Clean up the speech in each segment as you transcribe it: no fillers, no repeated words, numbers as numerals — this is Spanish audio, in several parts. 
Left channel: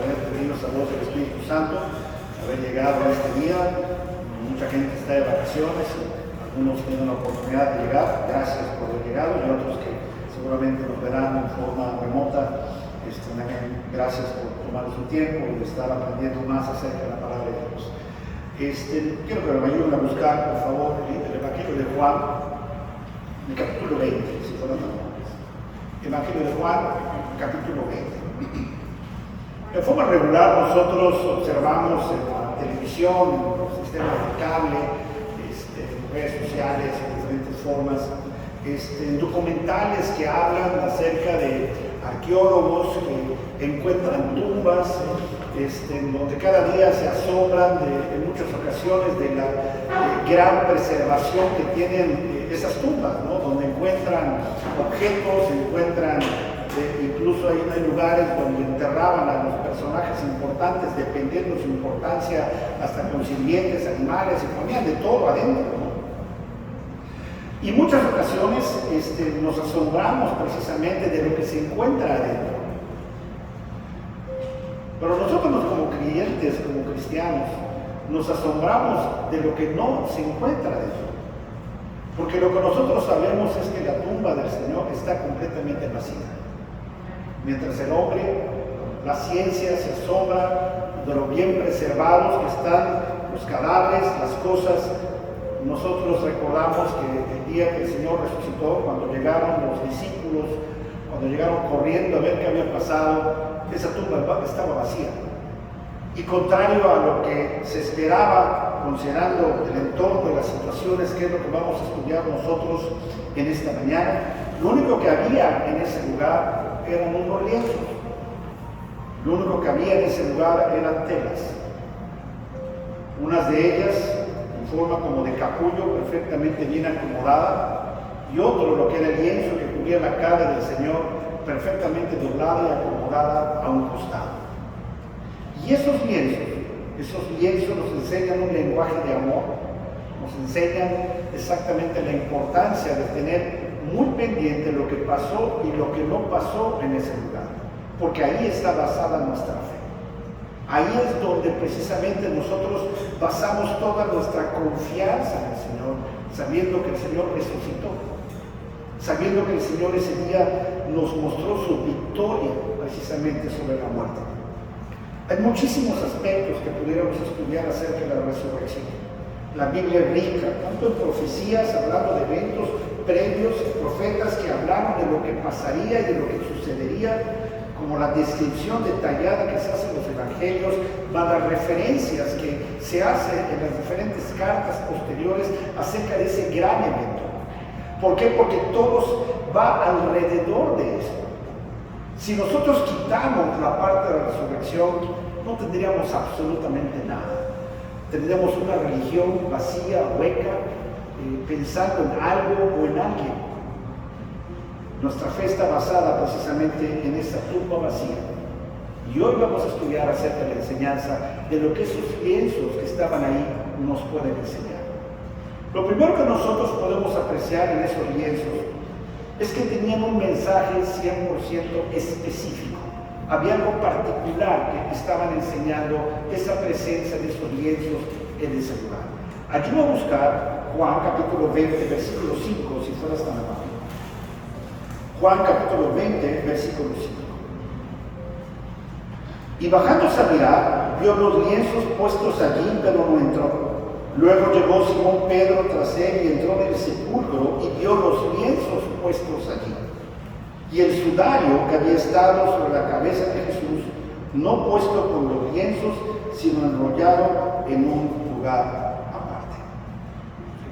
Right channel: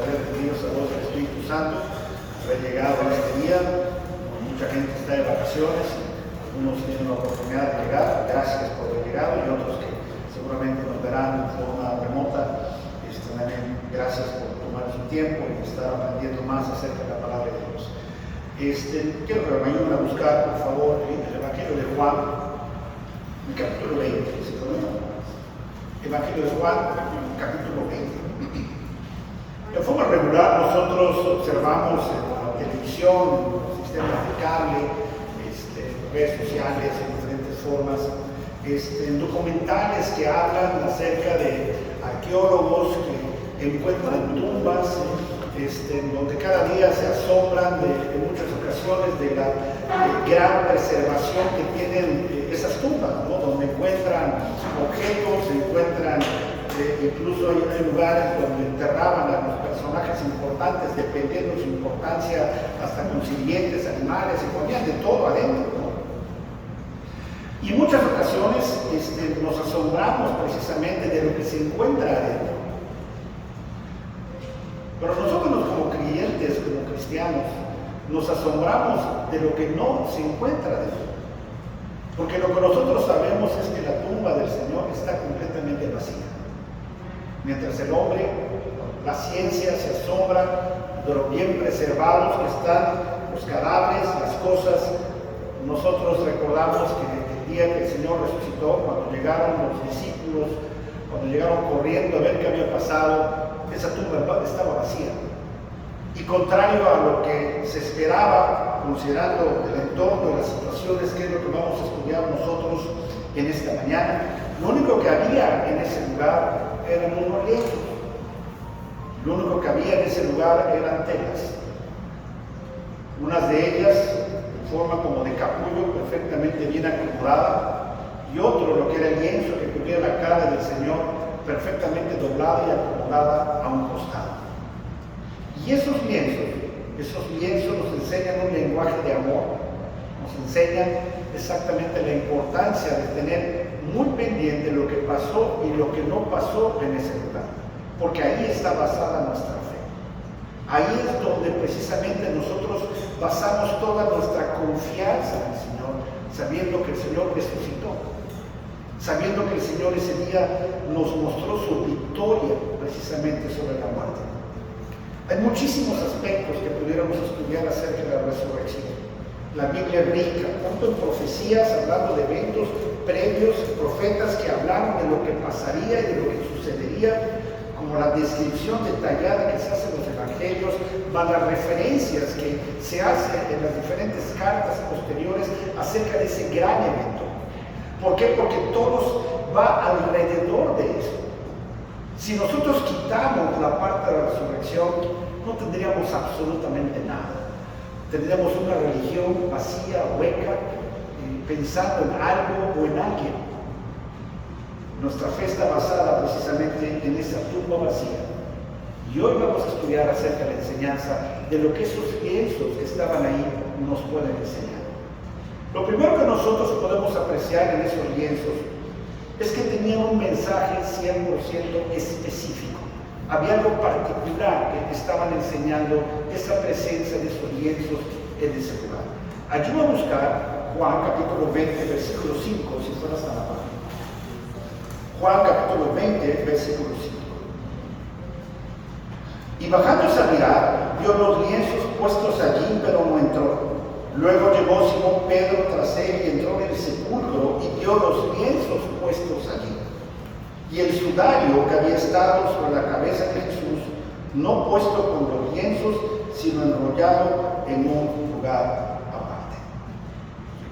poder de Dios, a voz del Espíritu Santo, haber llegado a este día. Mucha gente está de vacaciones, algunos tienen la oportunidad de llegar, gracias por haber llegado, y otros que seguramente nos verán en forma remota. También gracias por tomar su tiempo y estar aprendiendo más acerca de la palabra de Dios. Quiero que me ayuden a buscar, por favor, el Evangelio de Juan, el capítulo 20. ¿Sí? Evangelio de Juan, capítulo 20. En forma regular nosotros observamos en la televisión, en los sistemas de cable, en redes sociales, en diferentes formas, documentales que hablan acerca de arqueólogos que encuentran tumbas, donde cada día se asombran en muchas ocasiones de la gran preservación que tienen esas tumbas, ¿no? Donde encuentran objetos, incluso hay lugares donde enterraban a los personajes importantes, dependiendo de su importancia, hasta con sirvientes, animales, y ponían de todo adentro, ¿no? Y muchas ocasiones nos asombramos precisamente de lo que se encuentra adentro. Pero nosotros como creyentes, como cristianos, nos asombramos de lo que no se encuentra dentro. Porque lo que nosotros sabemos es que la tumba del Señor está completamente vacía. Mientras el hombre, la ciencia se asombra de lo bien preservados que están los cadáveres, las cosas. Nosotros recordamos que el día que el Señor resucitó, cuando llegaron los discípulos, cuando llegaron corriendo a ver qué había pasado, esa tumba estaba vacía. Y contrario a lo que se esperaba, considerando el entorno y las situaciones, que es lo que vamos a estudiar nosotros en esta mañana, lo único que había en ese lugar eran unos lienzos. Lo único que había en ese lugar eran telas. Unas de ellas forma como de capullo, perfectamente bien acomodada, y otro, lo que era el lienzo que cubría la cara del Señor, perfectamente doblada y acomodada a un costado. Y esos lienzos nos enseñan un lenguaje de amor, nos enseñan exactamente la importancia de tener muy pendiente lo que pasó y lo que no pasó en ese lugar, porque ahí está basada nuestra fe. Ahí es donde precisamente nosotros basamos toda nuestra confianza en el Señor, sabiendo que el Señor resucitó, sabiendo que el Señor ese día nos mostró su victoria precisamente sobre la muerte. Hay muchísimos aspectos que pudiéramos estudiar acerca de la resurrección. La Biblia es rica, tanto en profecías, hablando de eventos previos, profetas que hablaron de lo que pasaría y de lo que sucedería, como la descripción detallada que se hace en los evangelios, van las referencias que se hacen en las diferentes cartas posteriores acerca de ese gran evento. ¿Por qué? Porque todo va alrededor de eso. Si nosotros quitamos la parte de la resurrección, no tendríamos absolutamente nada. Tendríamos una religión vacía, hueca, pensando en algo o en alguien. Nuestra fe está basada precisamente en esa tumba vacía. Y hoy vamos a estudiar acerca de la enseñanza de lo que esos lienzos que estaban ahí nos pueden enseñar. Lo primero que nosotros podemos apreciar en esos lienzos es que tenían un mensaje 100% específico. Había algo particular que estaban enseñando esa presencia de esos lienzos en ese lugar. Ayúdame a buscar Juan capítulo 20, versículo 5, si fueras tan amable. Juan capítulo 20, versículo 5. Y bajándose a mirar, vio los lienzos puestos allí, pero no entró. Luego llegó Simón Pedro tras él y entró en el sepulcro y vio los lienzos puestos allí. Y el sudario que había estado sobre la cabeza de Jesús, no puesto con los lienzos, sino enrollado en un lugar aparte.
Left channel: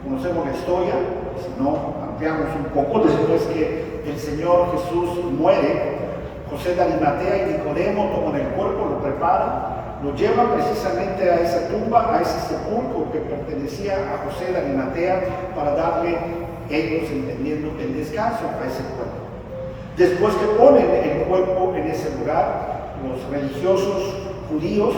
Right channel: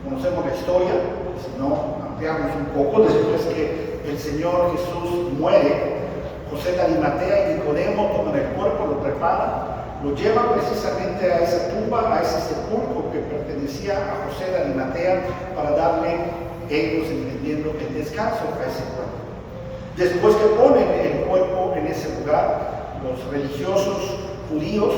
Conocemos la historia, si no ampliamos un poco, después que el Señor Jesús muere, José de Arimatea y Nicodemo toman el cuerpo, lo preparan, lo llevan precisamente a esa tumba, a ese sepulcro que pertenecía a José de Arimatea, para darle, ellos entendiendo, el descanso a ese cuerpo. Después que ponen el cuerpo en ese lugar, los religiosos judíos,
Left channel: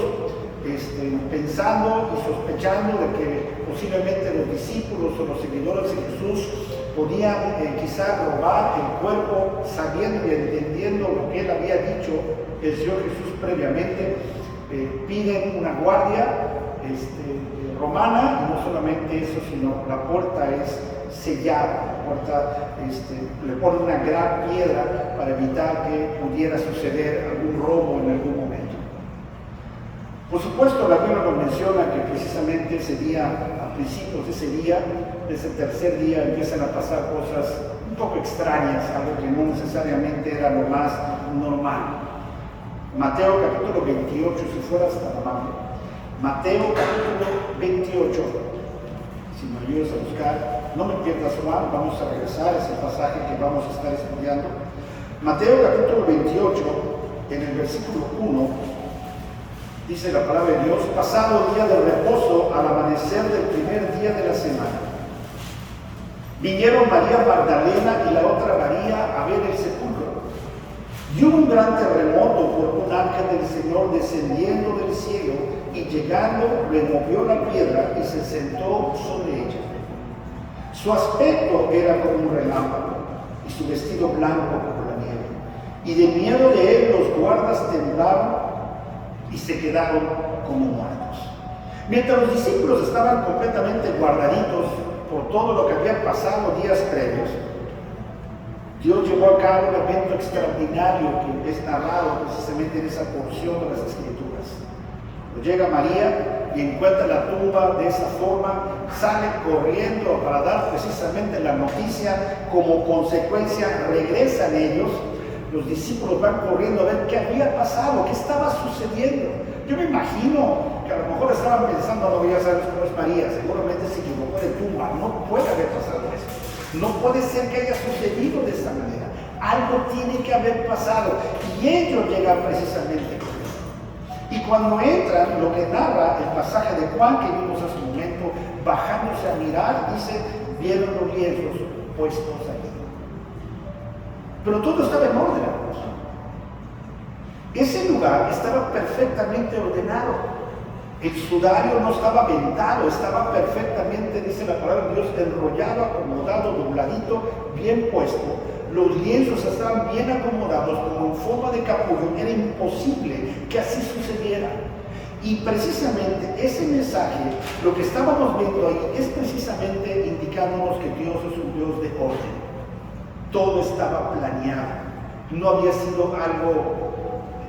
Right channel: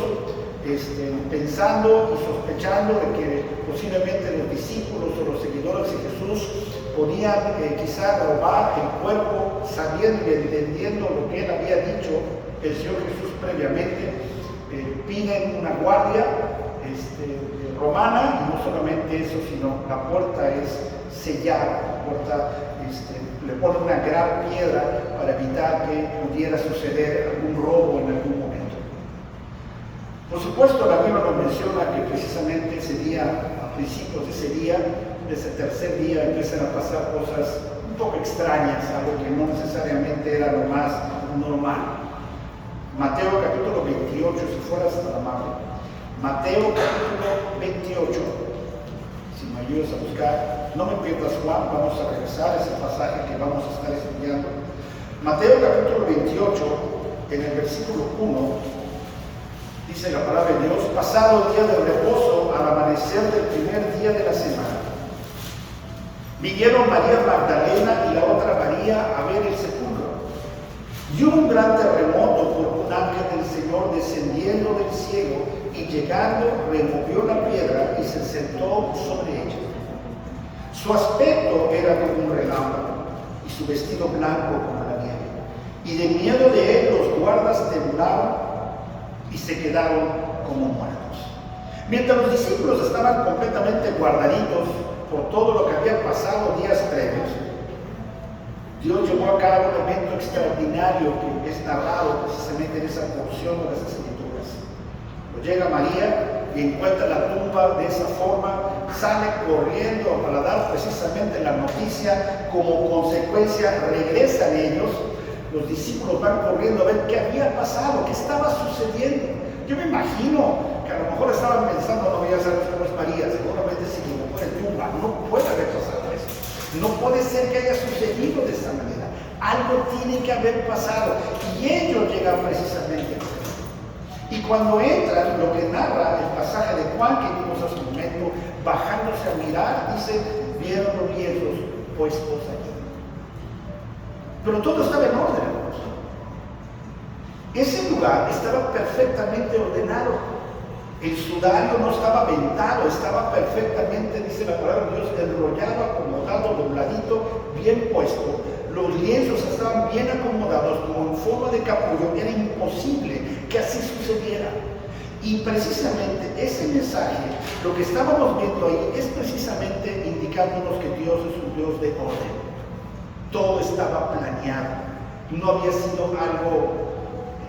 pensando y sospechando de que posiblemente los discípulos o los seguidores de Jesús podían quizá robar el cuerpo, sabiendo y entendiendo lo que él había dicho, el Señor Jesús previamente, piden una guardia romana, y no solamente eso, sino la puerta es sellada, la puerta, le ponen una gran piedra para evitar que pudiera suceder algún robo en algún momento. Por supuesto, la Biblia nos menciona que precisamente ese día, a principios de ese día, de ese tercer día, empiezan a pasar cosas un poco extrañas, algo que no necesariamente era lo más normal. Mateo capítulo 28, si fueras tan amable. Mateo capítulo 28, si me ayudas a buscar, no me pierdas Juan, vamos a regresar a ese pasaje que vamos a estar estudiando. Mateo capítulo 28, en el versículo 1, dice la palabra de Dios: pasado el día del reposo, al amanecer del primer día de la semana, vinieron María Magdalena y la otra María a ver el sepulcro. Y hubo un gran terremoto, porque un ángel del Señor descendiendo del cielo y llegando removió la piedra y se sentó sobre ella. Su aspecto era como un relámpago y su vestido blanco como la nieve. Y de miedo de él los guardas temblaron y se quedaron como muertos. Mientras los discípulos estaban completamente guardaditos por todo lo que había pasado días previos, Dios llevó a cabo un evento extraordinario que es narrado precisamente en esa porción de las Escrituras. Llega María y encuentra la tumba de esa forma, sale corriendo para dar precisamente la noticia. Como consecuencia regresan ellos, los discípulos van corriendo a ver qué había pasado, qué estaba sucediendo. Yo me imagino que a lo mejor estaban pensando: no, ya sabes cómo es María, seguramente se equivocó de tumba, no puede haber pasado eso. No puede ser que haya sucedido de esta manera. Algo tiene que haber pasado. Y ellos llegan precisamente por eso. Y cuando entran, lo que narra el pasaje de Juan que vimos hace un momento, bajándose a mirar, dice: vieron los lienzos puestos allí. Pero todo estaba en orden, hermanos. Ese lugar estaba perfectamente ordenado. El sudario no estaba aventado, estaba perfectamente, dice la palabra de Dios, enrollado, acomodado, dobladito, bien puesto. Los lienzos estaban bien acomodados, como en forma de capullo. Era imposible que así sucediera. Y precisamente ese mensaje, lo que estábamos viendo ahí, es precisamente indicándonos que Dios es un Dios de orden. Todo estaba planeado. No había sido algo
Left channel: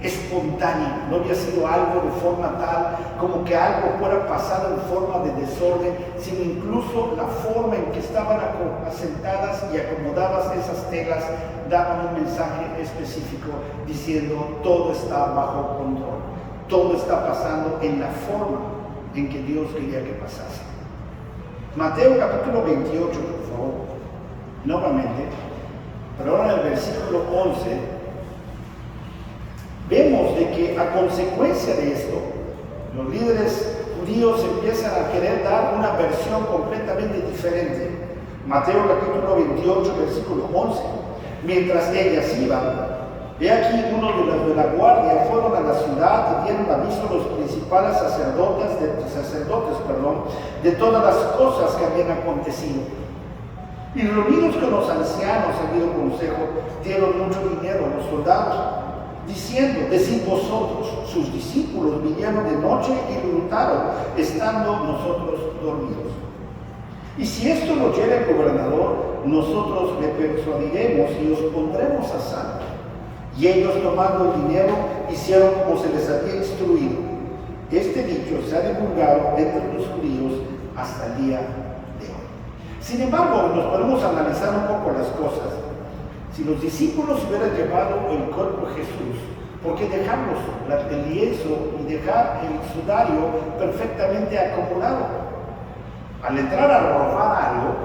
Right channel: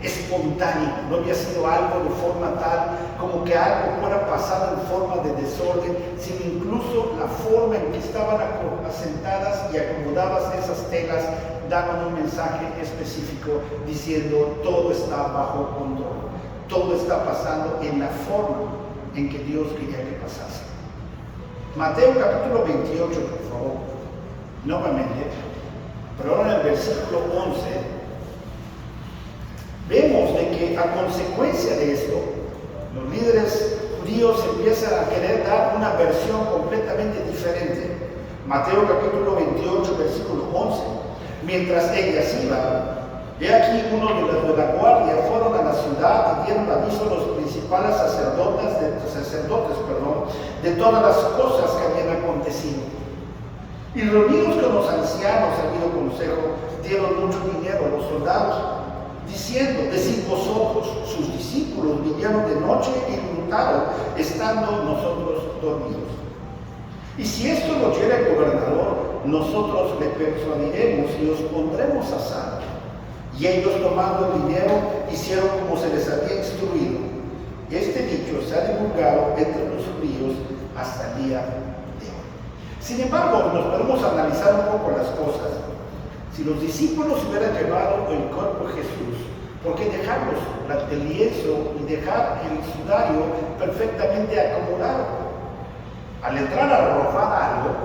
espontáneo, no había sido algo de forma tal como que algo fuera pasado en forma de desorden, sino incluso la forma en que estaban asentadas y acomodadas esas telas daban un mensaje específico diciendo: todo está bajo control, todo está pasando en la forma en que Dios quería que pasase. Mateo capítulo 28, por favor, nuevamente, pero ahora en el versículo 11, vemos de que a consecuencia de esto, los líderes judíos empiezan a querer dar una versión completamente diferente. Mateo capítulo 28, versículo 11. Mientras ellas iban, he aquí uno de los de la guardia fueron a la ciudad y dieron aviso a los principales sacerdotes, de todas las cosas que habían acontecido. Y reunidos con los ancianos, habido consejo, dieron mucho dinero a los soldados, diciendo: decid vosotros, sus discípulos vinieron de noche y lo hurtaron, estando nosotros dormidos. Y si esto lo oyera el gobernador, nosotros le persuadiremos y os pondremos a salvo. Y ellos, tomando el dinero, hicieron como se les había instruido. Este dicho se ha divulgado entre los judíos hasta el día de hoy. Sin embargo, nos podemos analizar un poco las cosas. Si los discípulos hubieran llevado el cuerpo de Jesús, ¿por qué dejarlos, el lienzo y dejar el sudario perfectamente acomodado? Al entrar a robar algo,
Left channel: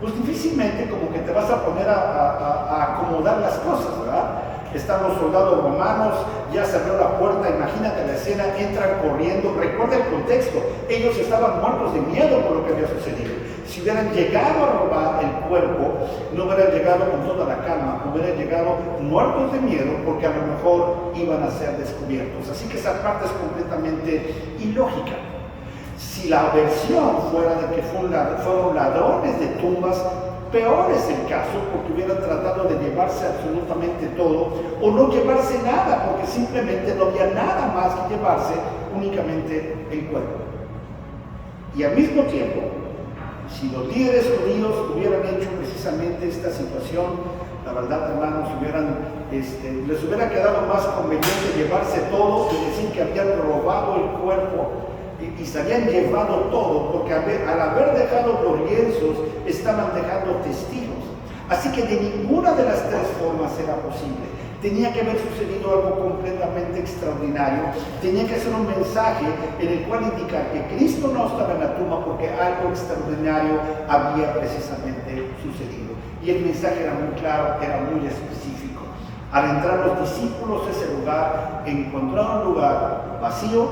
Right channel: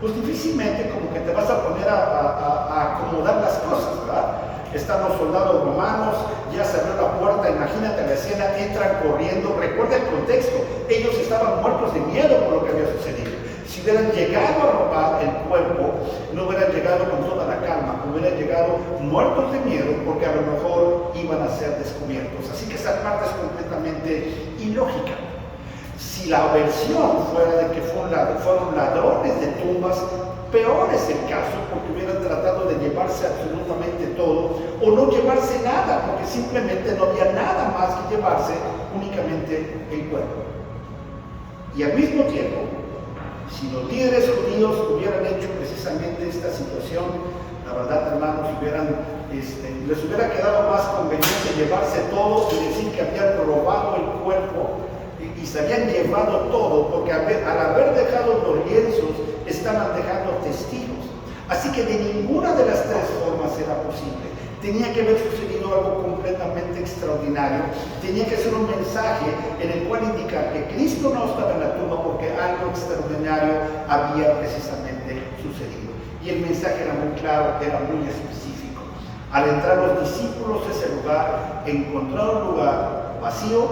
pues difícilmente como que te vas a poner a acomodar las cosas, ¿verdad? Están los soldados romanos, ya se abrió la puerta, imagínate la escena, entran corriendo. Recuerda el contexto, ellos estaban muertos de miedo por lo que había sucedido. Si hubieran llegado a robar el cuerpo, no hubieran llegado con toda la calma, hubieran llegado muertos de miedo porque a lo mejor iban a ser descubiertos. Así que esa parte es completamente ilógica. Si la versión fuera de que fueron ladrones de tumbas, Peor es el caso porque hubieran tratado de llevarse absolutamente todo o no llevarse nada, porque simplemente no había nada más que llevarse, únicamente el cuerpo. Y al mismo tiempo, si los líderes judíos hubieran hecho precisamente esta situación, la verdad, hermanos, les hubiera quedado más conveniente llevarse todo y decir que habían robado el cuerpo y se habían llevado todo, porque al haber dejado los lienzos estaban dejando testigos. Así que de ninguna de las tres formas era posible. Tenía que haber sucedido algo completamente extraordinario. Tenía que ser un mensaje en el cual indicar que Cristo no estaba en la tumba porque algo extraordinario había precisamente sucedido. Y el mensaje era muy claro, era muy específico. Al entrar los discípulos a ese lugar, encontraron un lugar vacío,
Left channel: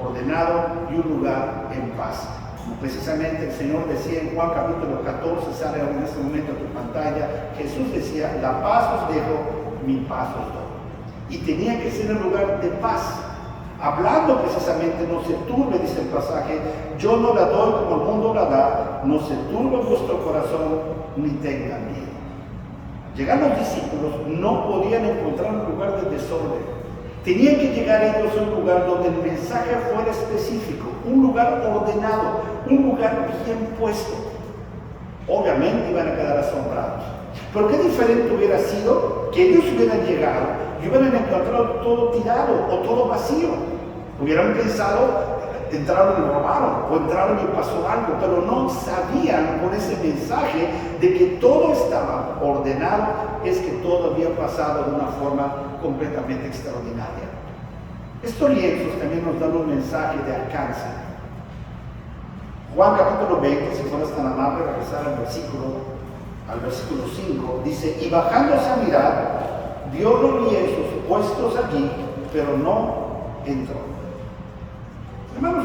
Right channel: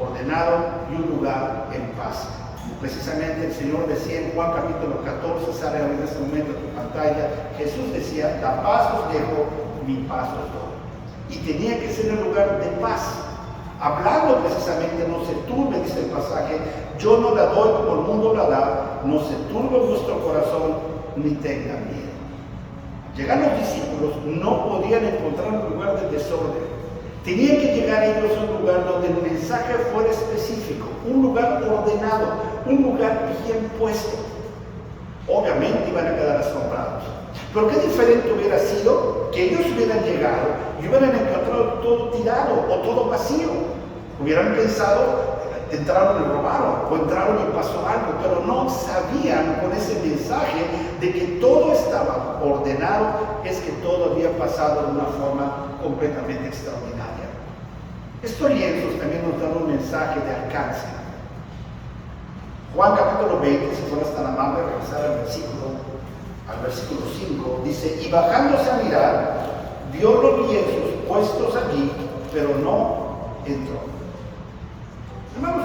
ordenado y un lugar en paz. Como precisamente el Señor decía en Juan capítulo 14, sale en este momento a tu pantalla, Jesús decía, la paz os dejo, mi paz os doy. Y tenía que ser un lugar de paz. Hablando precisamente, no se turbe, dice el pasaje, yo no la doy como el mundo la da, no se turbe vuestro corazón, ni tengan miedo. Llegar los discípulos no podían encontrar un lugar de desorden. Tenían que llegar ellos a un lugar donde el mensaje fuera específico, un lugar ordenado, un lugar bien puesto. Obviamente iban a quedar asombrados. Pero qué diferente hubiera sido que ellos hubieran llegado y hubieran encontrado todo tirado o todo vacío. Hubieran pensado, entraron y robaron, o entraron y pasó algo, pero no sabían con ese mensaje de que todo estaba ordenado, es que todo había pasado de una forma completamente extraordinaria. Estos lienzos también nos dan un mensaje de alcance. Juan capítulo 20, si fueras tan amable, regresar al versículo 5, dice, y bajándose a mirar, vio los lienzos puestos allí, pero no entró. Hermanos,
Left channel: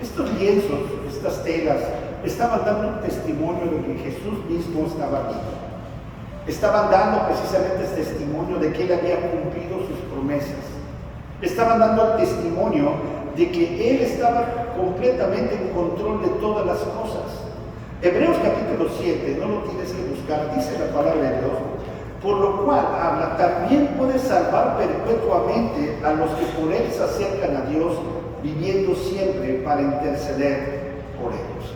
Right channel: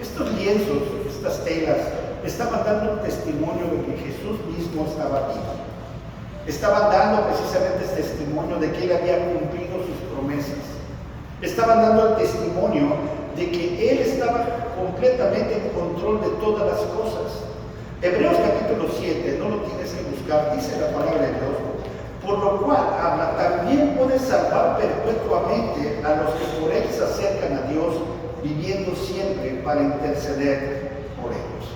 estos lienzos, estas telas, estaban dando un testimonio de que Jesús mismo estaba vivo. Estaban dando precisamente el testimonio de que Él había cumplido sus promesas. Estaban dando el testimonio de que Él estaba completamente en control de todas las cosas. Hebreos capítulo 7, no lo tienes que buscar, dice la palabra de Dios, por lo cual habla, también puede salvar perpetuamente a los que por Él se acercan a Dios, viviendo siempre para interceder por ellos.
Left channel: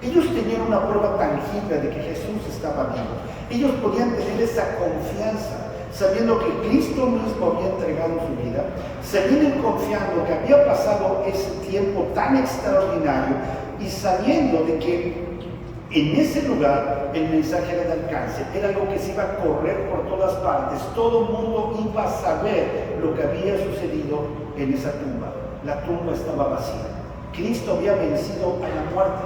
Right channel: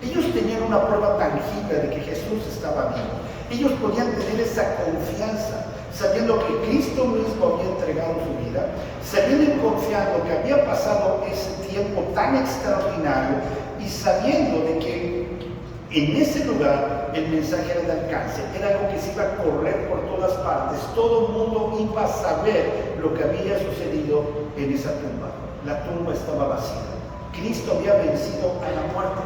Ellos tenían una prueba tangible de que Jesús estaba vivo. Ellos podían tener esa confianza, sabiendo que Cristo mismo había entregado su vida, sabiendo y confiando que había pasado ese tiempo tan extraordinario y sabiendo de que en ese lugar el mensaje era de alcance, era algo que se iba a correr por todas partes, todo el mundo iba a saber lo que había sucedido en esa tumba. La tumba estaba vacía, Cristo había vencido a la muerte,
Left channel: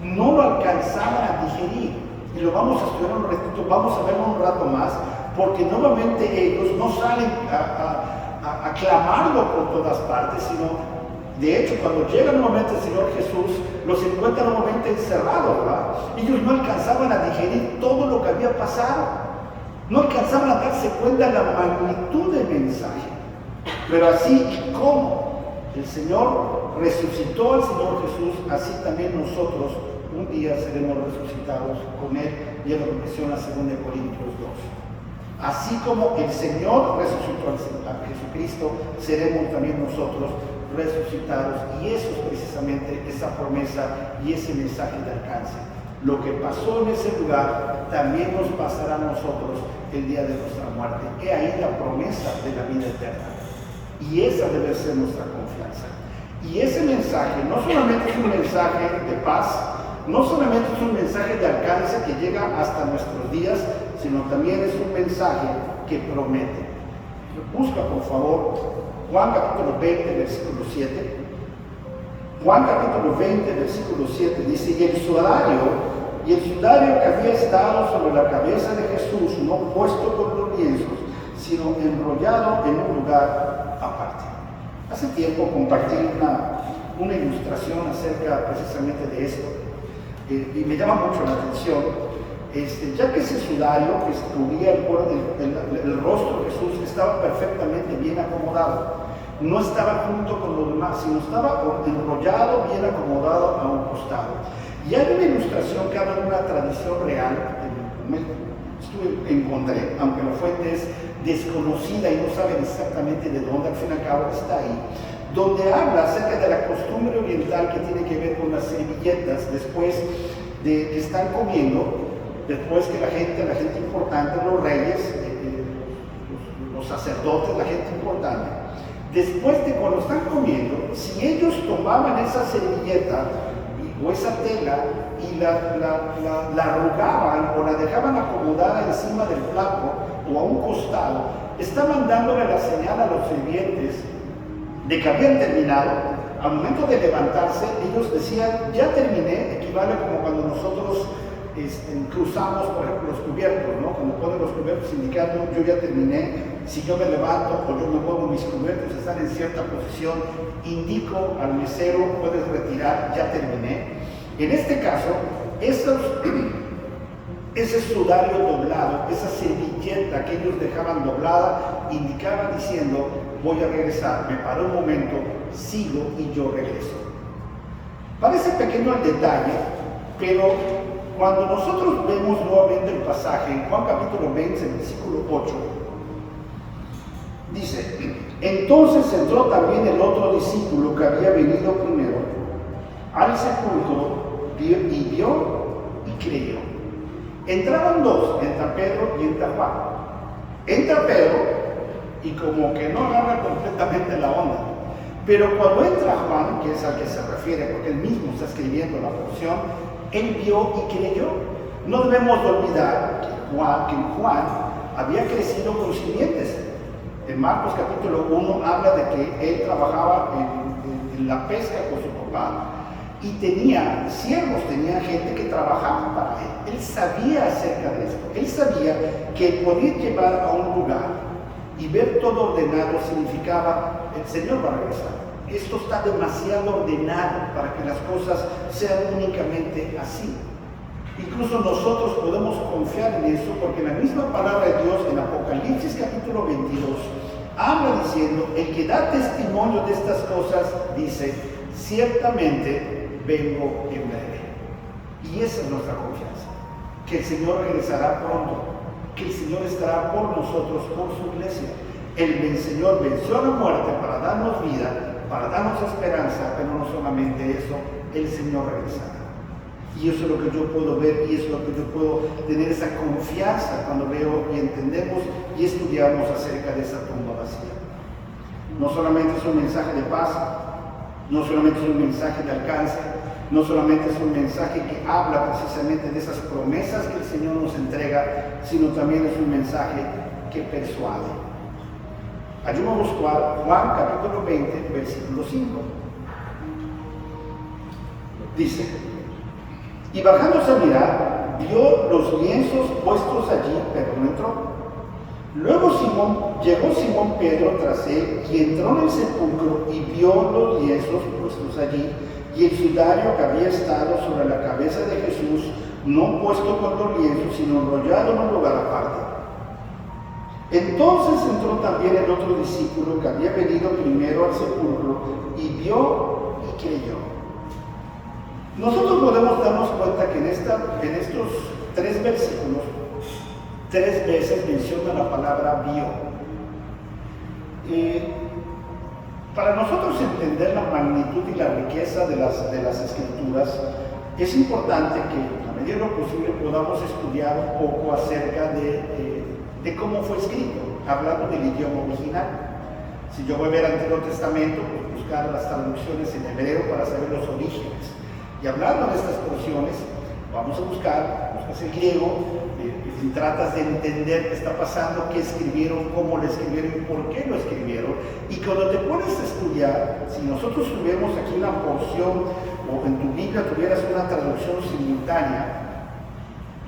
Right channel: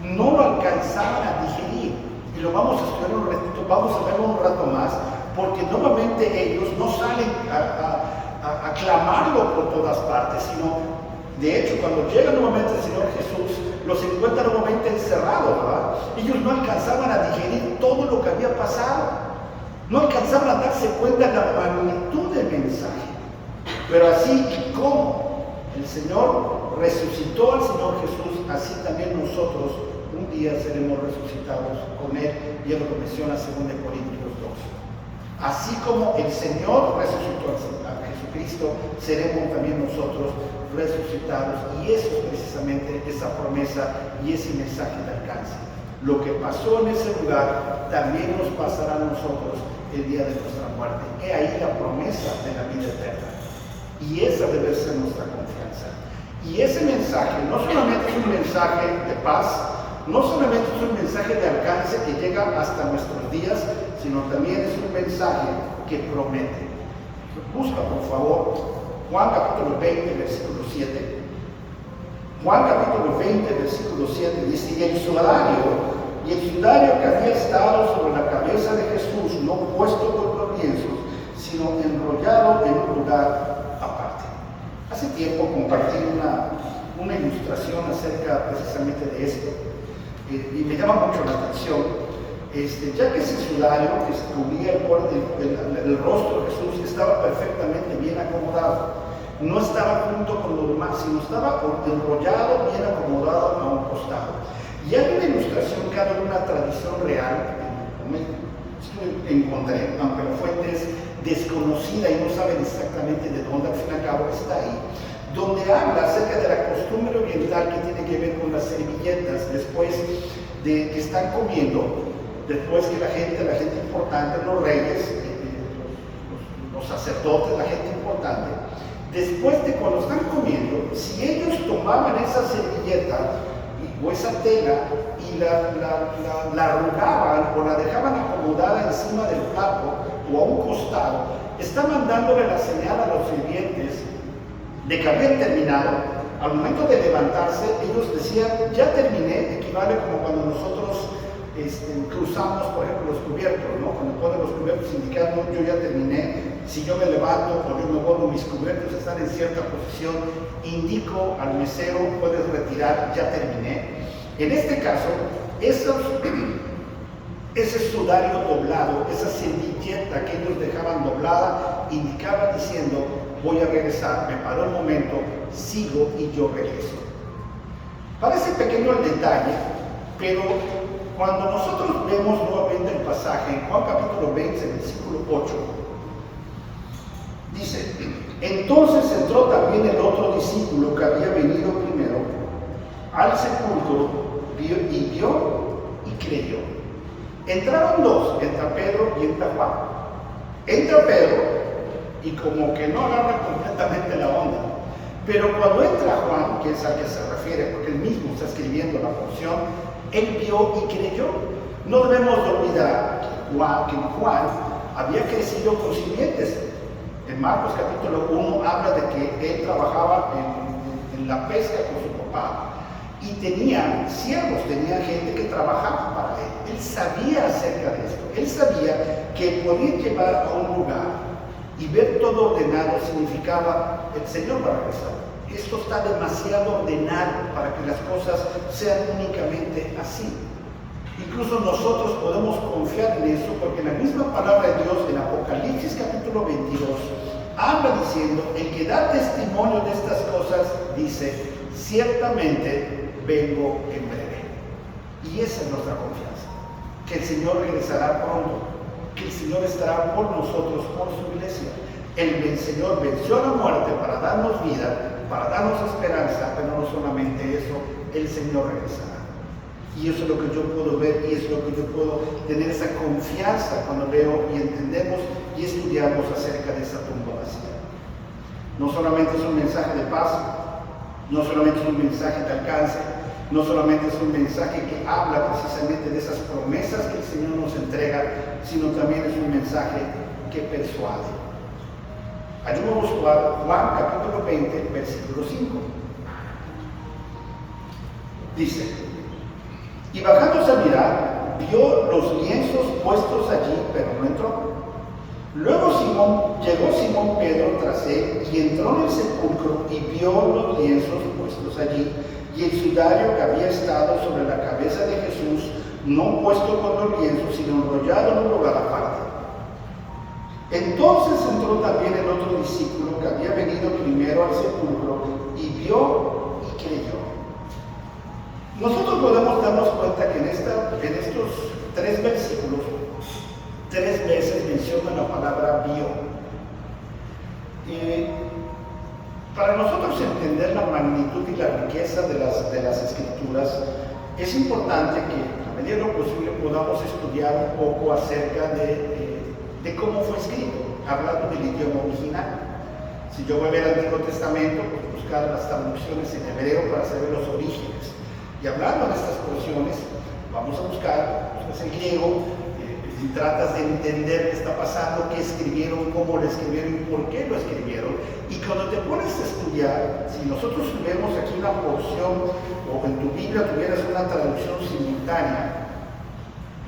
no lo alcanzaban a digerir, y lo vamos a estudiar un ratito, vamos a verlo un rato más, porque nuevamente ellos no salen a clamarlo por todas partes, sino de hecho, cuando llega nuevamente el Señor Jesús, los encuentra nuevamente encerrados, ¿verdad? Ellos no alcanzaban a digerir todo lo que había pasado. No alcanzaban a darse cuenta de la magnitud del mensaje. Pero así como el Señor resucitó al Señor Jesús, así también nosotros un día seremos resucitados con Él. Y Él lo menciona según de Corintios 2. Así como el Señor resucitó a Jesucristo, seremos también nosotros resucitados, y eso es precisamente esa promesa y ese mensaje de alcance. Lo que pasó en ese lugar también nos pasará a nosotros el día de nuestra muerte. He ahí la promesa de la vida eterna, y esa debe ser nuestra confianza. Y ese mensaje no solamente es un mensaje de paz, no solamente es un mensaje de alcance que llega hasta nuestros días, sino también es un mensaje que promete. Busca por favor Juan capítulo 20, versículo 7. Juan capítulo 20, versículo 7 dice, y el sudario que había estado sobre la cabeza de Jesús, no puesto por los lienzos, sino enrollado en un lugar aparte. Hace tiempo compartí una ilustración acerca precisamente de esto, y me llama mucho la atención, ya que ese sudario que cubría el rostro de Jesús estaba perfectamente bien acomodado. No estaba junto con los demás, sino estaba enrollado, bien acomodado a un costado. Y hay una ilustración que habla de una tradición real, encontré, aunque la fuente es desconocida y no saben exactamente de dónde, al fin y al cabo está ahí, donde habla acerca de la costumbre oriental que tiene que ver con las servilletas después de que están comiendo, después que la gente importante, los reyes, los sacerdotes, la gente importante, después de cuando están comiendo, si ellos tomaban esa servilleta o esa tela y la arrugaban o la dejaban acomodada encima del plato o a un costado, estaban dándole la señal a los sirvientes de que habían terminado. Al momento de levantarse, ellos decían, ya terminé, equivale como cuando nosotros cruzamos, por ejemplo, los cubiertos, ¿no? Cuando ponen los cubiertos indicando, yo ya terminé. Si yo me levanto o yo me muevo, mis cubiertos están en cierta posición, indico al mesero, puedes retirar, ya terminé. En este caso, ese sudario doblado, esa servilleta que ellos dejaban doblada, indicaba diciendo, voy a regresar, me paro un momento, sigo y yo regreso. Parece pequeño el detalle, pero cuando nosotros vemos nuevamente el pasaje en Juan capítulo 20, versículo 8, dice, entonces entró también el otro discípulo que había venido primero al sepulcro, vio y creyó. Entraban dos, entra Pedro y entra Juan. Entra Pedro y como que no agarra completamente la onda. Pero cuando entra Juan, que es al que se refiere, porque él mismo está escribiendo la porción, él vio y creyó. No debemos de olvidar que Juan había crecido con sirvientes. En Marcos capítulo 1 habla de que él trabajaba en la pesca con su papá y tenía siervos, tenía gente que trabajaba para él. Él sabía acerca de esto. Él sabía que poder llevar a un lugar y ver todo ordenado significaba, el Señor va a regresar. Esto está demasiado ordenado para que las cosas sean únicamente así. Incluso nosotros podemos confiar en eso porque la misma palabra de Dios en Apocalipsis capítulo 22 habla diciendo, el que da testimonio de estas cosas dice, ciertamente vengo en breve. Y esa es nuestra confianza, que el Señor regresará pronto, que el Señor estará por nosotros, por su iglesia. El Señor venció la muerte para darnos vida, para darnos esperanza, pero no solamente eso, el Señor regresará. Y eso es lo que yo puedo ver y es lo que yo puedo tener esa confianza cuando veo y entendemos y estudiamos acerca de esa tumba vacía. No solamente es un mensaje de paz, no solamente es un mensaje de alcance, no solamente es un mensaje que habla precisamente de esas promesas que el Señor nos entrega, sino también es un mensaje que persuade. Ayúdanos a Juan capítulo 20, versículo 5. Dice, y bajándose a mirar, vio los lienzos puestos allí, pero no entró. Luego llegó Simón Pedro tras él y entró en el sepulcro y vio los lienzos puestos allí y el sudario que había estado sobre la cabeza de Jesús, no puesto con los lienzos, sino enrollado en un lugar aparte. Entonces entró también el otro discípulo que había venido primero al sepulcro y vio y creyó. Nosotros podemos darnos cuenta que en estos 3 versículos, 3 veces menciona la palabra vio. Para nosotros entender la magnitud y la riqueza de las escrituras, es importante que, a medida de lo posible, podamos estudiar un poco acerca de cómo fue escrito, hablando del idioma original. Si yo voy a ver el Antiguo Testamento, pues buscar las traducciones en hebreo para saber los orígenes. Y hablando de estas porciones, vamos a buscas el griego, tratas de entender qué está pasando, qué escribieron, cómo lo escribieron y por qué lo escribieron. Y cuando te pones a estudiar, si nosotros tuviéramos aquí una porción o en tu Biblia tuvieras una traducción simultánea,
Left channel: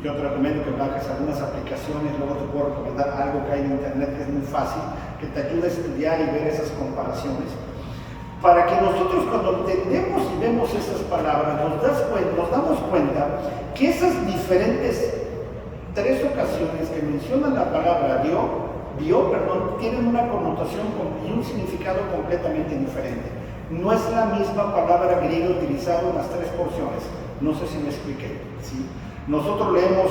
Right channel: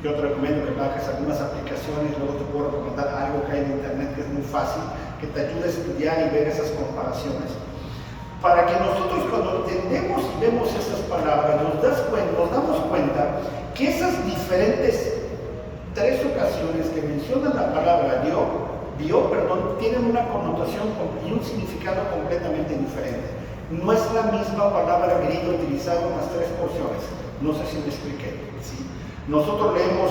yo te recomiendo que bajes algunas aplicaciones, luego te puedo recomendar algo que hay en internet que es muy fácil, que te ayuda a estudiar y ver esas comparaciones. Para que nosotros cuando entendemos y vemos esas palabras, nos damos cuenta que esas diferentes 3 ocasiones que mencionan la palabra vio, tienen una connotación y un significado completamente diferente. No es la misma palabra griega utilizada en las tres porciones. No sé si me expliqué, ¿sí? Nosotros leemos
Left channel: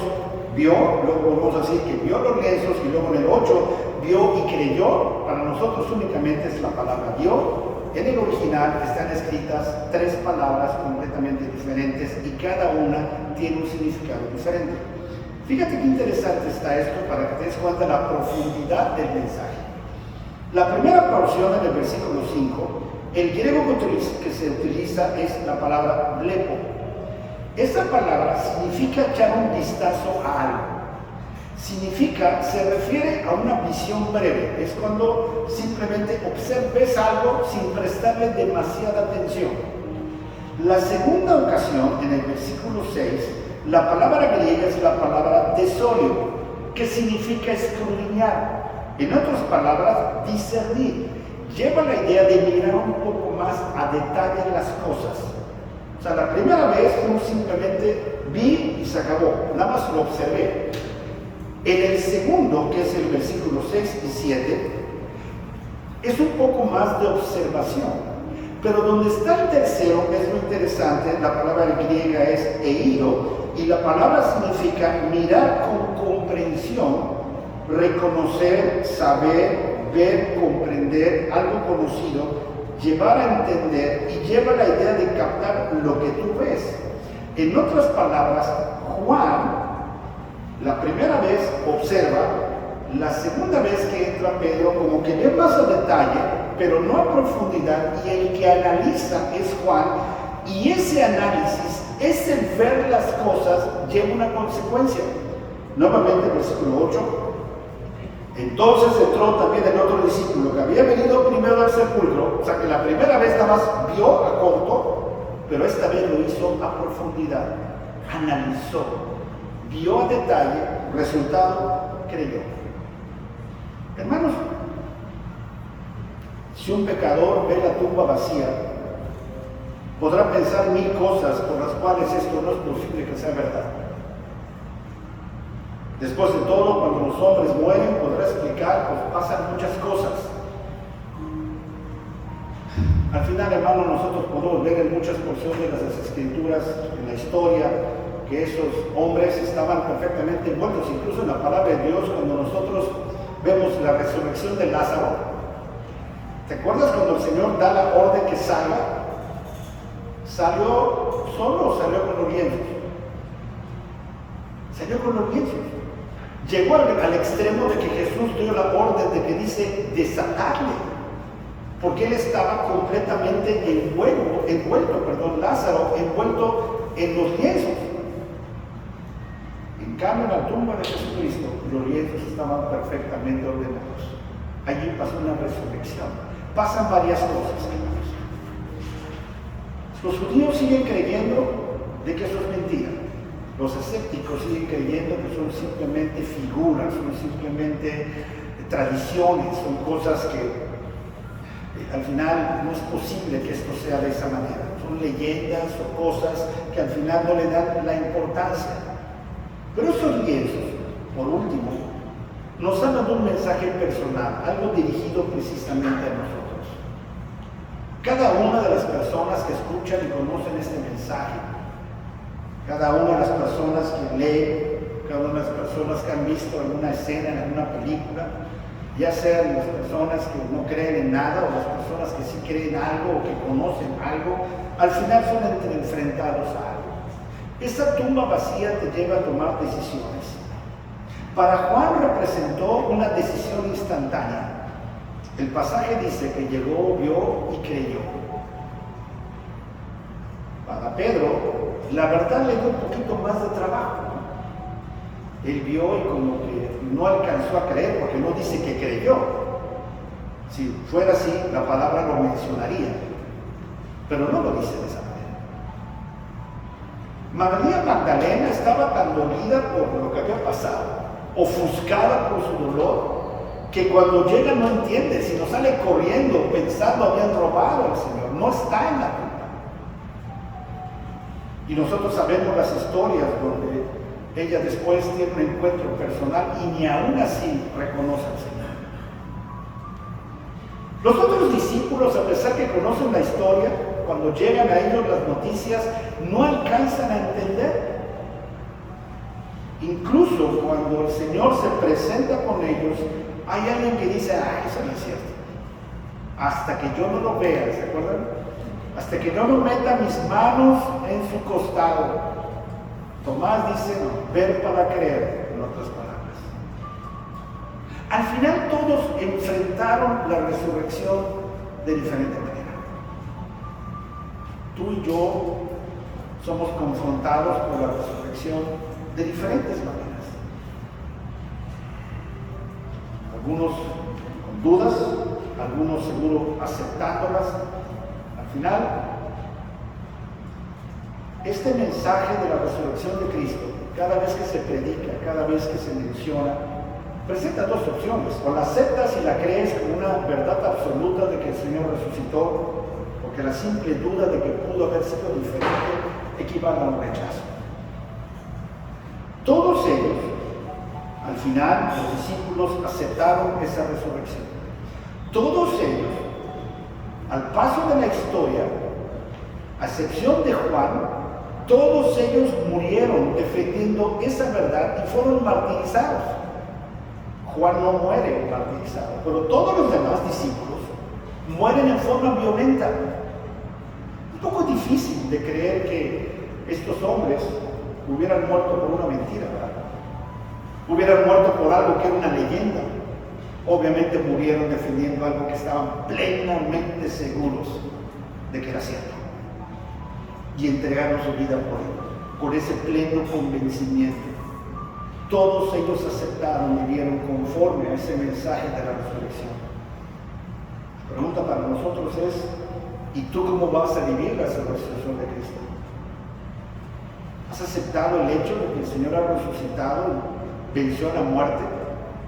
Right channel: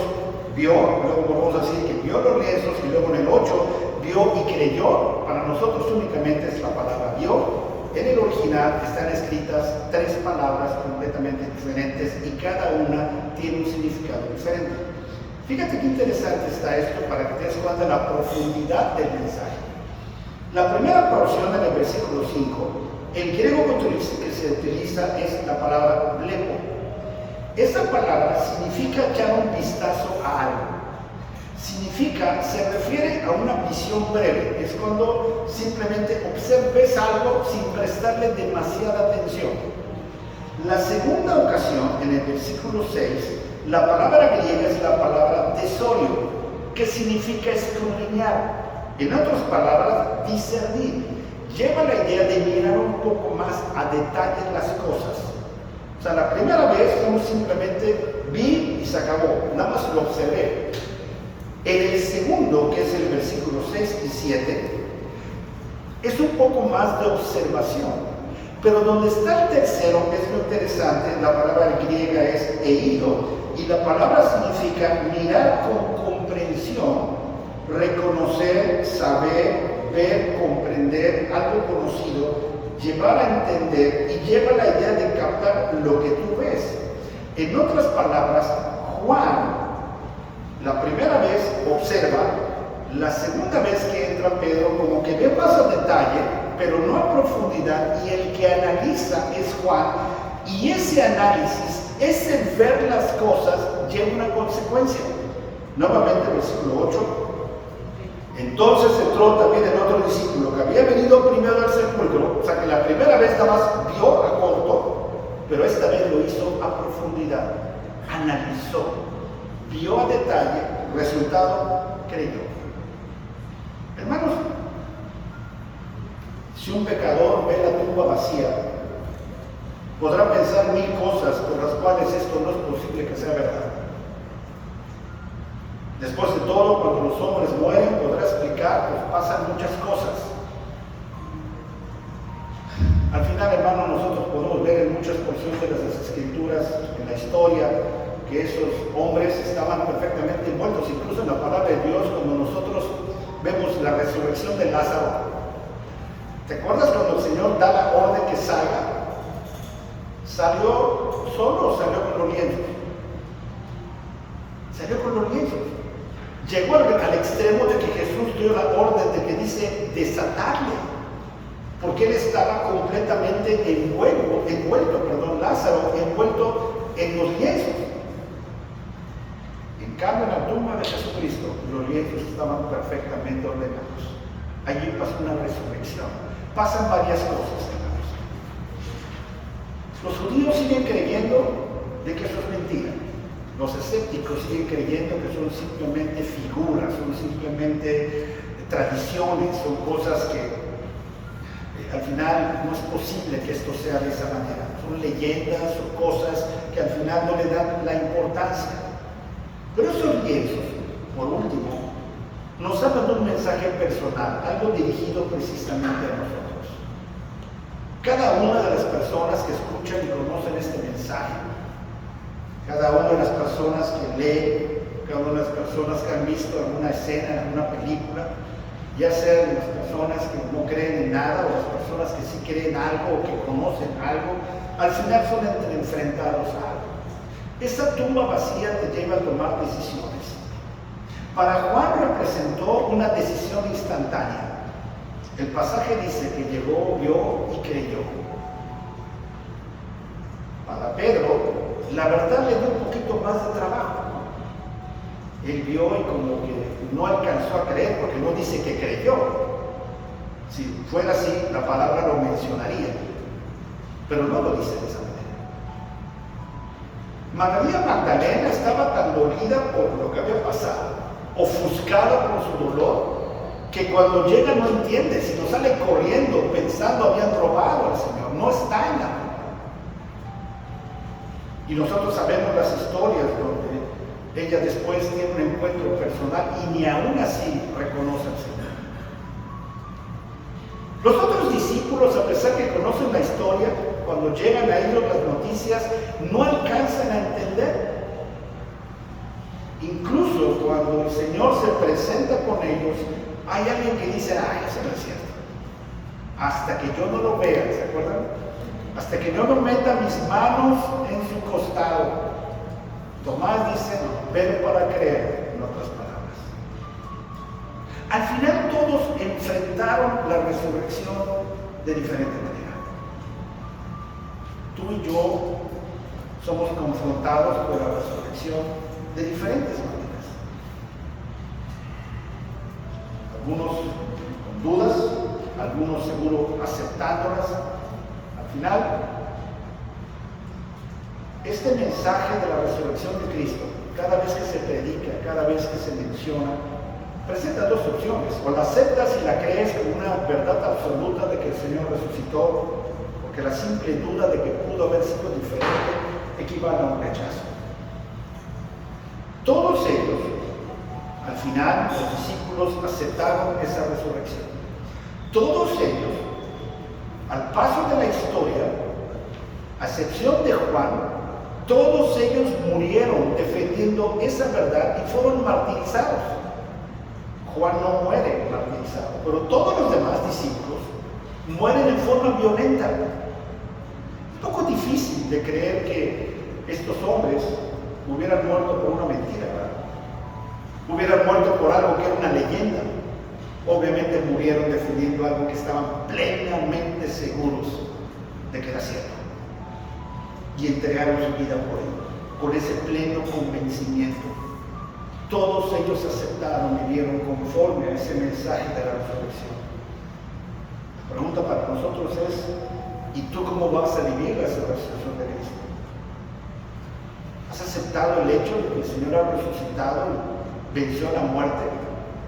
vio, luego volvemos a decir que vio los lienzos, y luego en el 8 vio y creyó. Para nosotros únicamente es la palabra vio. En el original están escritas tres palabras completamente diferentes y cada una tiene un significado diferente. Fíjate qué interesante está esto para que te des cuenta de la profundidad del mensaje. La primera porción en el versículo 5, el griego que se utiliza es la palabra blepo. Esta palabra significa echar un vistazo a algo. Se refiere a una visión breve. Es cuando simplemente ves algo sin prestarle demasiada atención. La segunda ocasión, en el versículo 6, la palabra griega es la palabra tesorio, que significa escudriñar. En otras palabras, discernir. Lleva la idea de mirar un poco más a detalle las cosas. O sea, la primera vez uno simplemente vi y se acabó, nada más lo observé. En el segundo, que es el versículo 6 y 7, es un poco más de observación. Pero donde está el tercero, es lo interesante, la palabra griega es eido, y la palabra significa mirar con comprensión, reconocer, saber, ver, comprender algo conocido, llevar a entender y lleva la idea de captar lo que tú ves. En otras palabras, Juan, la primera vez observa, la segunda vez que entra Pedro como que ve más a detalle, pero no a profundidad, y el que analiza es Juan, y ese análisis, ese ver las cosas, lleva una consecuencia. Nuevamente, versículo 8. Entonces entró también el otro discípulo que había venido primero al sepulcro, o sea que la primera vez nada más vio a corto, pero esta vez lo hizo a profundidad, analizó, vio a detalle, resultado, creyó. Hermanos, si un pecador ve la tumba vacía, podrá pensar mil cosas por las cuales esto no es posible que sea verdad. Después de todo, cuando los hombres mueren, podrá explicar, pues pasan muchas cosas. Al final, hermano, nosotros podemos ver en muchas porciones de las Escrituras, en la historia, que esos hombres estaban perfectamente envueltos, incluso en la palabra de Dios, cuando nosotros vemos la resurrección de Lázaro. ¿Te acuerdas cuando el Señor da la orden que salga? ¿Salió solo o salió con los lienzos? Salió con los lienzos. Llegó al extremo de que Jesús dio la orden de que dice desatarle, porque él estaba completamente envuelto, Lázaro envuelto en los lienzos. En cambio, en la tumba de Jesucristo, los lienzos estaban perfectamente ordenados. Allí pasó una resurrección. Pasan varias cosas, hermanos. Los judíos siguen creyendo de que eso es mentira. Los escépticos siguen creyendo que son simplemente figuras, son simplemente tradiciones, son cosas que al final no es posible que esto sea de esa manera. Son leyendas o cosas que al final no le dan la importancia. Pero estos lienzos, por último, nos hablan de un mensaje personal, algo dirigido precisamente a nosotros. Cada una de las personas que escuchan y conocen este mensaje, cada una de las personas que leen, cada una de las personas que han visto alguna escena en alguna película, ya sean las personas que no creen en nada o las personas que sí creen algo o que conocen algo, al final son enfrentados a algo. Esta tumba vacía te lleva a tomar decisiones. Para Juan representó una decisión instantánea. El pasaje dice que llegó, vio y creyó. Para Pedro, la verdad le dio un poquito más de trabajo, ¿no? Él vio y como que no alcanzó a creer, porque no dice que creyó. Si fuera así, la palabra lo mencionaría, pero no lo dice de esa manera. María Magdalena estaba tan dolida por lo que había pasado, ofuscada por su dolor, que cuando llega no entiende, sino sale corriendo pensando habían robado al Señor, no está en la tumba. Y nosotros sabemos las historias donde ella después tiene un encuentro personal y ni aún así reconoce al Señor. Los otros discípulos, a pesar que conocen la historia, cuando llegan a ellos las noticias, no alcanzan a entender. Incluso cuando el Señor se presenta con ellos, hay alguien que dice, eso no es cierto. Hasta que yo no lo vea, ¿se acuerdan? Hasta que yo no meta mis manos en su costado. Tomás dice, no, ver para creer, en otras palabras. Al final todos enfrentaron la resurrección de diferente manera. Tú y yo somos confrontados con la resurrección de diferentes maneras. Algunos con dudas, algunos seguro aceptándolas. Al final, este mensaje de la resurrección de Cristo, cada vez que se predica, cada vez que se menciona, presenta dos opciones: o la aceptas y la crees como una verdad absoluta de que el Señor resucitó, porque la simple duda de que pudo haber sido diferente equivale a un rechazo. Todos ellos, al final, los discípulos aceptaron esa resurrección. Todos ellos, al paso de la historia, a excepción de Juan, todos ellos murieron defendiendo esa verdad y fueron martirizados. Juan no muere martirizado, pero todos los demás discípulos mueren en forma violenta. Un poco difícil de creer que estos hombres hubieran muerto por una mentira, ¿verdad? Hubieran muerto por algo que era una leyenda. Obviamente murieron defendiendo algo que estaban plenamente seguros de que era cierto. Y entregaron su vida por él, con ese pleno convencimiento. Todos ellos aceptaron y vivieron conforme a ese mensaje de la resurrección. La pregunta para nosotros es, ¿y tú cómo vas a vivir la resurrección de Cristo? ¿Has aceptado el hecho de que el Señor ha resucitado y venció a la muerte?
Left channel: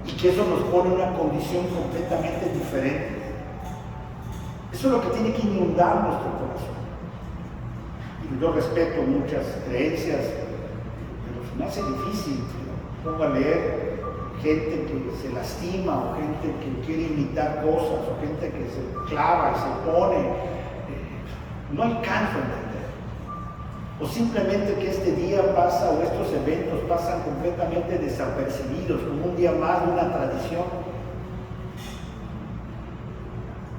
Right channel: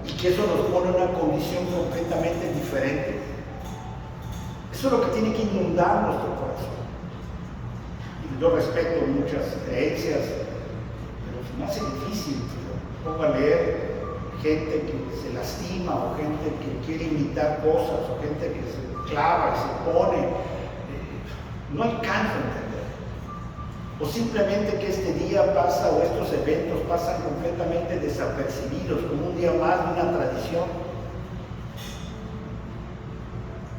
Y que eso nos pone en una condición completamente diferente. Eso es lo que tiene que inundar nuestro corazón. Y yo respeto muchas creencias, pero se me hace difícil. Pongo a leer gente que se lastima, o gente que quiere imitar cosas, o gente que se clava y se pone. No alcanzo a entender. O simplemente que este día pasa, o estos eventos pasan completamente desapercibidos, como un día más de una tradición.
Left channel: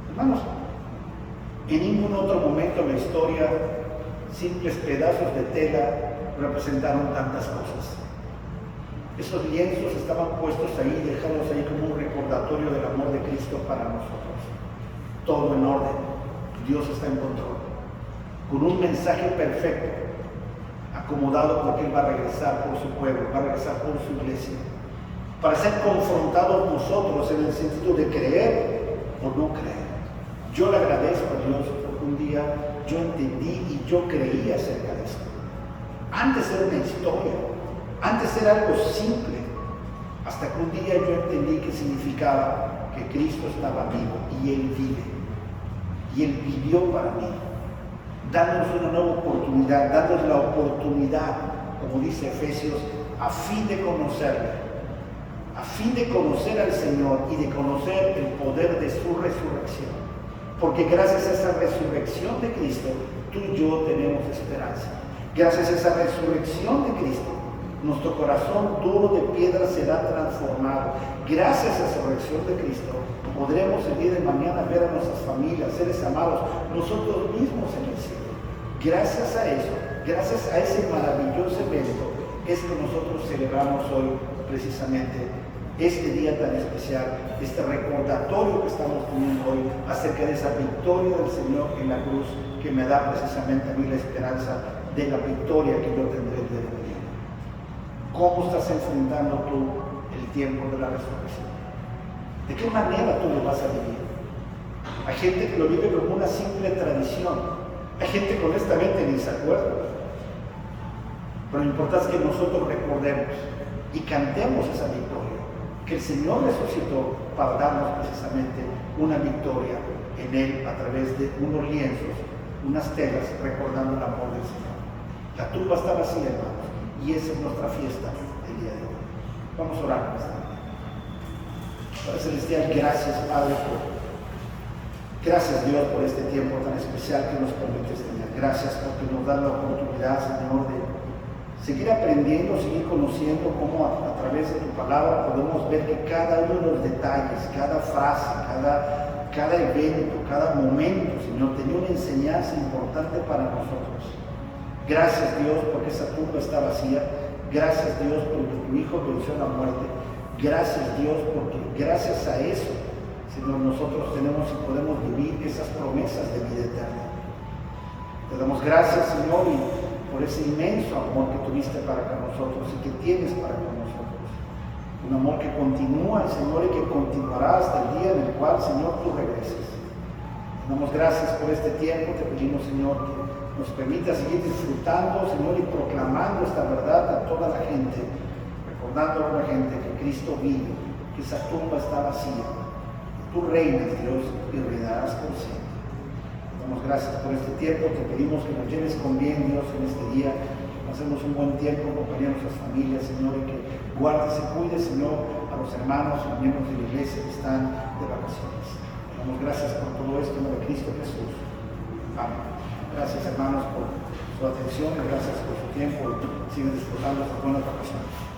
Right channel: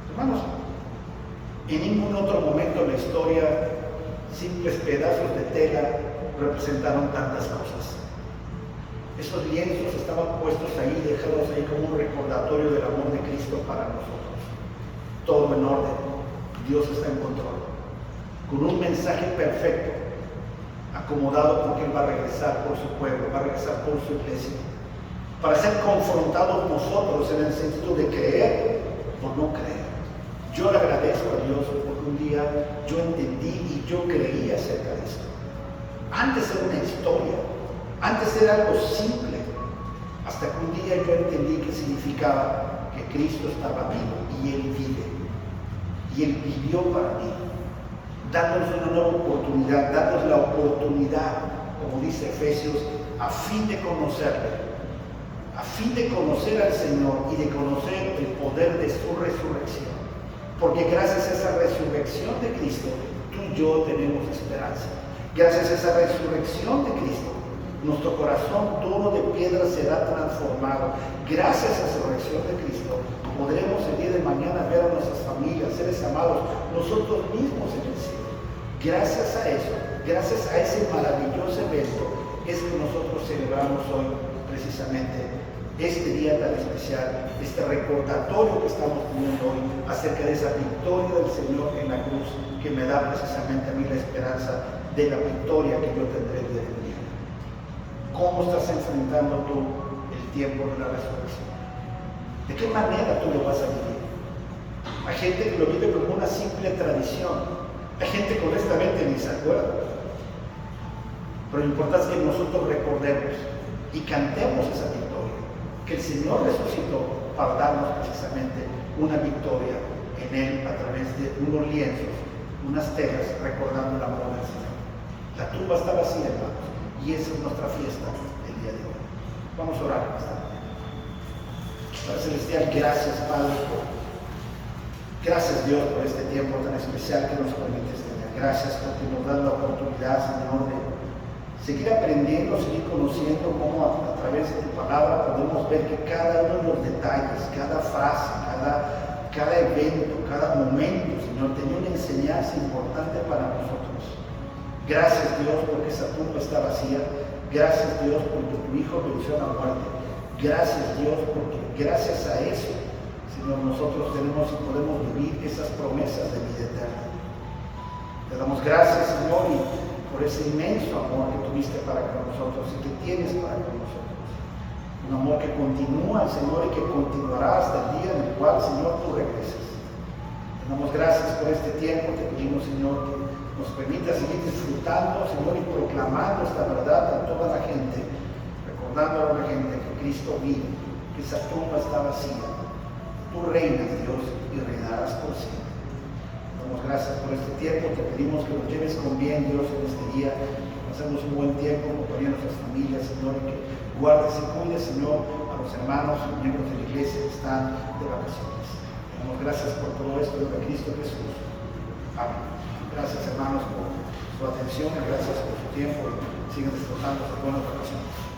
Hermanos, en ningún otro momento en la historia simples pedazos de tela representaron tantas cosas. Esos lienzos estaban puestos ahí, dejados ahí como un recordatorio del amor de Cristo para nosotros. Todo en orden, Dios está en control, con un mensaje perfecto, acomodado porque Él va a regresar por su pueblo, va a regresar por su iglesia, para ser confrontados nosotros en el sentido de creer o no creer. Yo le agradezco a Dios porque un día yo entendí y yo creí acerca de esto. Antes era una historia, antes era algo simple, hasta que un día yo entendí que significaba que Cristo estaba vivo y Él vive, y Él vivió para mí, dándonos una nueva oportunidad, dándonos la oportunidad, como dice Efesios, a fin de conocerle, a fin de conocer al Señor y de conocer el poder de su resurrección. Porque gracias a esa resurrección de Cristo, tú y yo tenemos esperanza. Gracias a esa resurrección de Cristo, nuestro corazón duro de piedra será transformado. Gracias a esa resurrección de Cristo, podremos el día de mañana ver a nuestras familias, seres amados, nosotros mismos en el cielo. Gracias a eso, gracias a ese maravilloso evento, es que nosotros celebramos hoy precisamente este día tan especial, este recordatorio que estamos teniendo hoy acerca de esa victoria del Señor en la cruz, que me da precisamente a mí la esperanza de la victoria que yo tendré el día de mañana. ¿Cómo estás enfrentando tú el tiempo de la resurrección? ¿De qué manera tú lo vas a vivir? Hay gente que lo vive como una simple tradición. Hay gente que honestamente ni se acuerda. Pero lo importante es que nosotros recordemos y cantemos esa victoria, que el Señor resucitó para darnos precisamente una victoria en Él a través de unos lienzos, unas telas, recordando el amor del Señor. La tumba está vacía, hermanos, y esa es nuestra fiesta el día de hoy. Vamos a orar en esta mañana. Padre Celestial, gracias, Padre, Gracias, Dios, por este tiempo tan especial que nos permites tener. Gracias porque nos da la oportunidad, Señor, de seguir aprendiendo, seguir conociendo cómo a través de tu palabra podemos ver que cada uno de los detalles, cada frase, cada evento, cada momento, Señor, tenía una enseñanza importante para nosotros. Gracias, Dios, porque esa tumba está vacía. Gracias, Dios, porque tu Hijo venció la muerte. Gracias, Dios, porque gracias a eso, Señor, nosotros tenemos y podemos vivir esas promesas de vida eterna. Te damos gracias, Señor, y por ese inmenso amor que tuviste para con nosotros y que tienes para con nosotros. Un amor que continúa, Señor, y que continuará hasta el día en el cual, Señor, tú regreses. Te damos gracias por este tiempo. Te pedimos, Señor, que nos permita seguir disfrutando, Señor, y proclamando esta verdad a toda la gente, recordándole a la gente que Cristo vive, que esa tumba está vacía. Tú reinas, Dios, y reinarás por siempre. Te damos gracias por este tiempo. Te pedimos que nos lleves con bien, Dios, en este día. Pasemos un buen tiempo en compañía de nuestras familias, Señor, y que guardes y cuides, Señor, a los hermanos y miembros de la iglesia que están de vacaciones. Te damos gracias por todo esto en nombre de Cristo Jesús. Amén. Gracias, hermanos, por su atención y gracias por su tiempo. Sigan disfrutando de buenas vacaciones.